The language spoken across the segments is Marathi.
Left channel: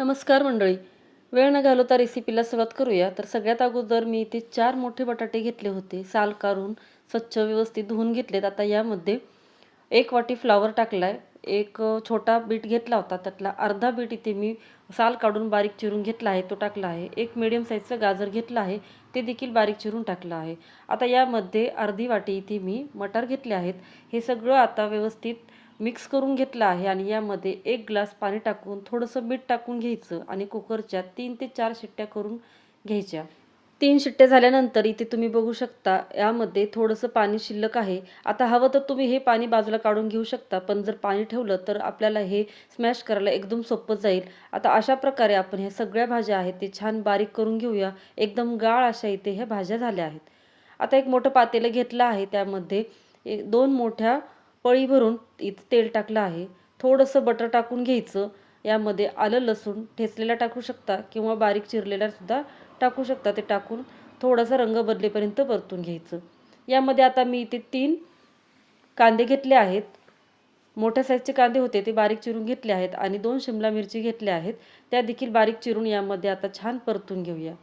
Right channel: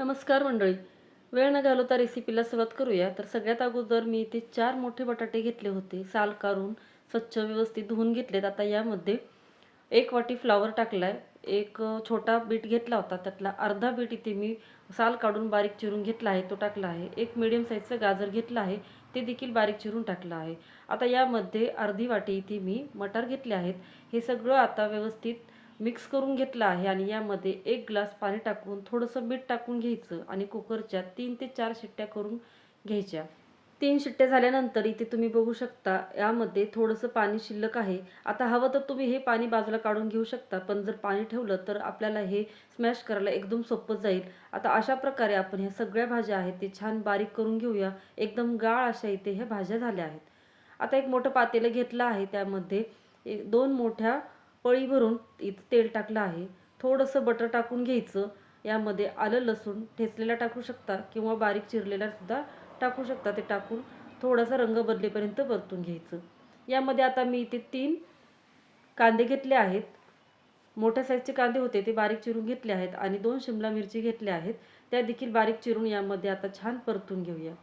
नमस्कार मंडळी. वेळ न घालवता रेसिपीला सुरुवात करूया. तर सगळ्यात अगोदर मी इथे 4 मोठे बटाटे घेतले होते. साल काढून स्वच्छ व्यवस्थित धुवून घेतलेत. आता यामध्ये 1 वाटी फ्लॉवर टाकलाय. एक छोटा बीट घेतला होता. त्यातला अर्धा बीट इथे मी साल काढून बारीक चिरून घेतला आहे, तो टाकला आहे. एक मीडियम साईजचं गाजर घेतलं आहे, ते देखील बारीक चिरून टाकलं आहे. आता यामध्ये अर्धी वाटी इथे मी मटार घेतले आहेत. हे सगळं आता व्यवस्थित मिक्स करून घेतलं आहे आणि यामध्ये 1 ग्लास पाणी टाकून थोडंसं मीठ टाकून घ्यायचं आणि कुकरच्या 3 ते 4 शिट्ट्या करून घ्यायच्या. 3 शिट्ट्या झाल्यानंतर इथे तुम्ही बघू शकता यामध्ये थोडंसं पाणी शिल्लक आहे. आता हवं तर तुम्ही हे पाणी बाजूला काढून घेऊ शकता, पण जर पाणी ठेवलं तर आपल्याला हे स्मॅश करायला एकदम सोपं जाईल. आता अशा प्रकारे आपण ह्या सगळ्या भाज्या आहेत ते छान बारीक करून घेऊया. एकदम गाळ अशा इथे ह्या भाज्या झाल्या आहेत. आता एक मोठं पातेलं घेतलं आहे. त्यामध्ये 2 मोठ्या पळी भरून इथं तेल टाकलं आहे. थोडंसं बटर टाकून घ्यायचं. यामध्ये आलं लसूण ठेचलेला टाकू शकता किंवा बारीक चिरलेला सुद्धा टाकू शकता. ते टाकून थोडासा रंग बदलेपर्यंत परतून घ्यायचं. यामध्ये आता मी इथे 3 कांदे घेतले आहेत. मोठ्या साईजचे कांदे होते ते बारीक चिरून घेतले आहेत आणि 2 शिमला मिरची घेतल्या आहेत. त्या देखील बारीक चिरून यामध्ये आता छान परतून घेऊया.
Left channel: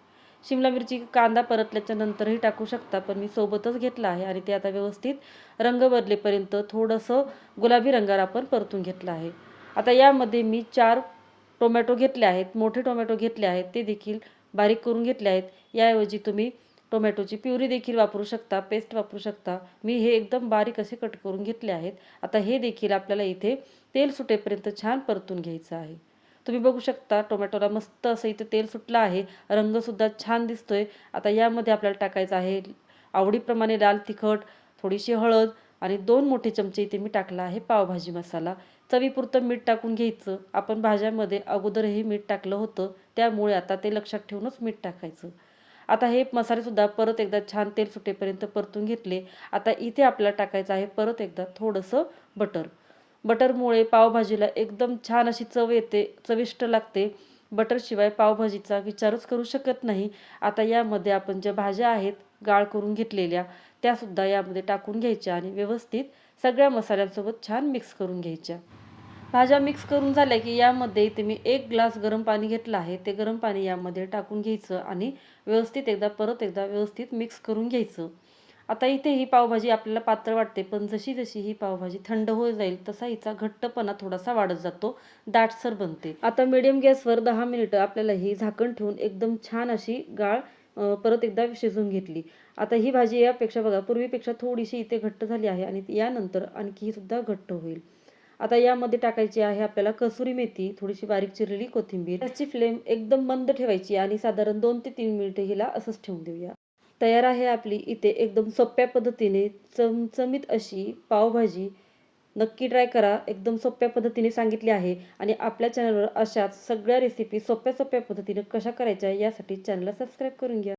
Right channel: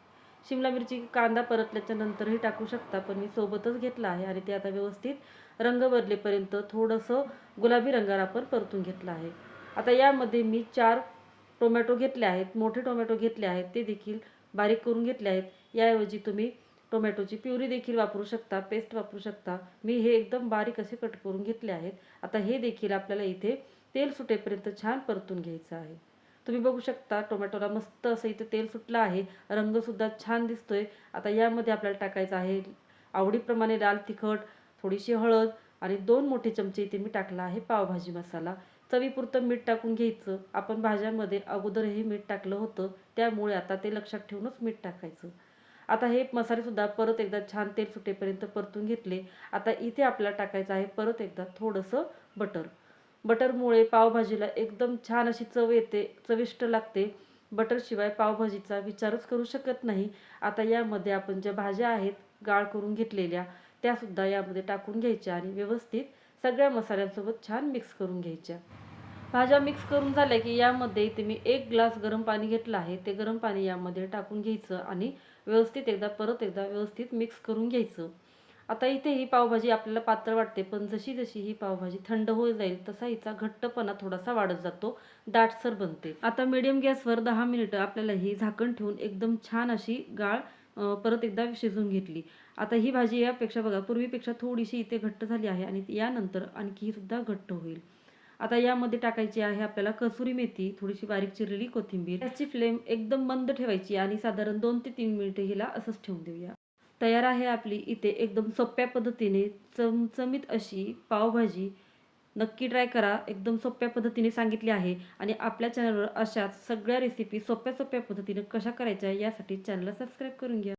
शिमला मिरची कांदा परतल्याच्या नंतरही टाकू शकता, पण मी सोबतच घेतला आहे आणि ते आता व्यवस्थित रंग बदलेपर्यंत थोडंसं गुलाबी रंगावर आपण परतून घेतलं आहे. आता यामध्ये मी 4 टोमॅटो घेतले आहेत. मोठे टोमॅटो घेतले आहेत, ते देखील बारीक करून घेतले आहेत. याऐवजी तुम्ही टोमॅटोची प्युरी देखील वापरू शकता, पेस्ट वापरू शकता. मी हे एकदम बारीक असे कट करून घेतले आहेत. आता हे देखील आपल्याला इथे तेल सुटेपर्यंत छान परतून घ्यायचं आहे. तुम्ही बघू शकता टोमॅटोला मस्त असं इथे तेल सुटलं आहे. रंगसुद्धा छान दिसतोय. आता यामध्ये आपल्याला टाकायचं आहे आवडीप्रमाणे लाल तिखट, थोडीशी हळद आणि 2 मोठे चमचे इथे मी टाकला आहे पावभाजी मसाला. चवीपुरतं मीठ टाकून घ्यायचं. आपण भाज्यामध्ये अगोदरही मीठ टाकलं होतं, त्यामुळे आता ते लक्षात ठेवूनच मीठ टाकायचं. आता हे मसालेसुद्धा परत एकदा छान तेल सुटेपर्यंत परतून घेतले. आता इथे आपल्याला टाकायचं आहे परत एकदा थोडंसं बटर. बटरमुळे पावभाजीला एकदम छान अशी चव येते, चविष्ट लागते. बटरशिवाय पावभाजीचा विचारच करू शकत नाही. आता यामध्ये आपण ज्या भाज्या आहेत गाळ करून घेतलेल्या, त्यासुद्धा यामध्ये टाकून घ्यायच्या आणि व्यवस्थित सगळ्या मसाल्यांसोबत छान मिक्स करून घ्यायच्या. भाज्या मिक्स करून झाल्या की यामध्ये इथे मी 1 ग्लास गरम पाणी घेतलं आहे. ते गरम पाणी यामध्ये टाकून घ्यायचं आणि परत एकदा व्यवस्थित मिक्स करून घ्यायचं. आता इथे ही पावभाजी आपल्याला पातळ वाटते, पण जशी-जशी ही पावभाजी थंड होत जाईल, तसा हिचा घट्टपणा थोडासा वाढत जातो, दाटसर बनते. आता मीडियम गॅसवर 10 मिनिटं आपल्याला ही झाकण ठेवून एकदम छान अशी गाळ परत एकदा शिजवून घेतली. आता ही भाजी यापेक्षा बघा पूर्वीपेक्षा थोडीशी इथे घट्ट झाली आहे आणि यानंतर आणखी ही सुद्धा घट्ट होईल. आता यामध्ये टाकायची आहे आपल्याला कसुरी मेथी, थोडीशी बारीक चिरलेली कोथिंबीर. गॅसची फ्लेम एकदम मंद ठेवायची आणि साधारण 2 ते 3 मिनिटं हिला असंच ठेवून देऊया. तयार आहे आपली इथे एकदम सोप्या पद्धतीने चमचमीत अशी पावभाजी. नक्की ट्राय करा. एकदम सोप्या पद्धतीने सांगितली आहे आणि आपल्या चॅनलवर अशाच सगळ्या रेसिपी सोप्या-सोप्या पद्धतीने कशा करायच्या यासाठी चॅनलला सबस्क्राईब करून घ्या.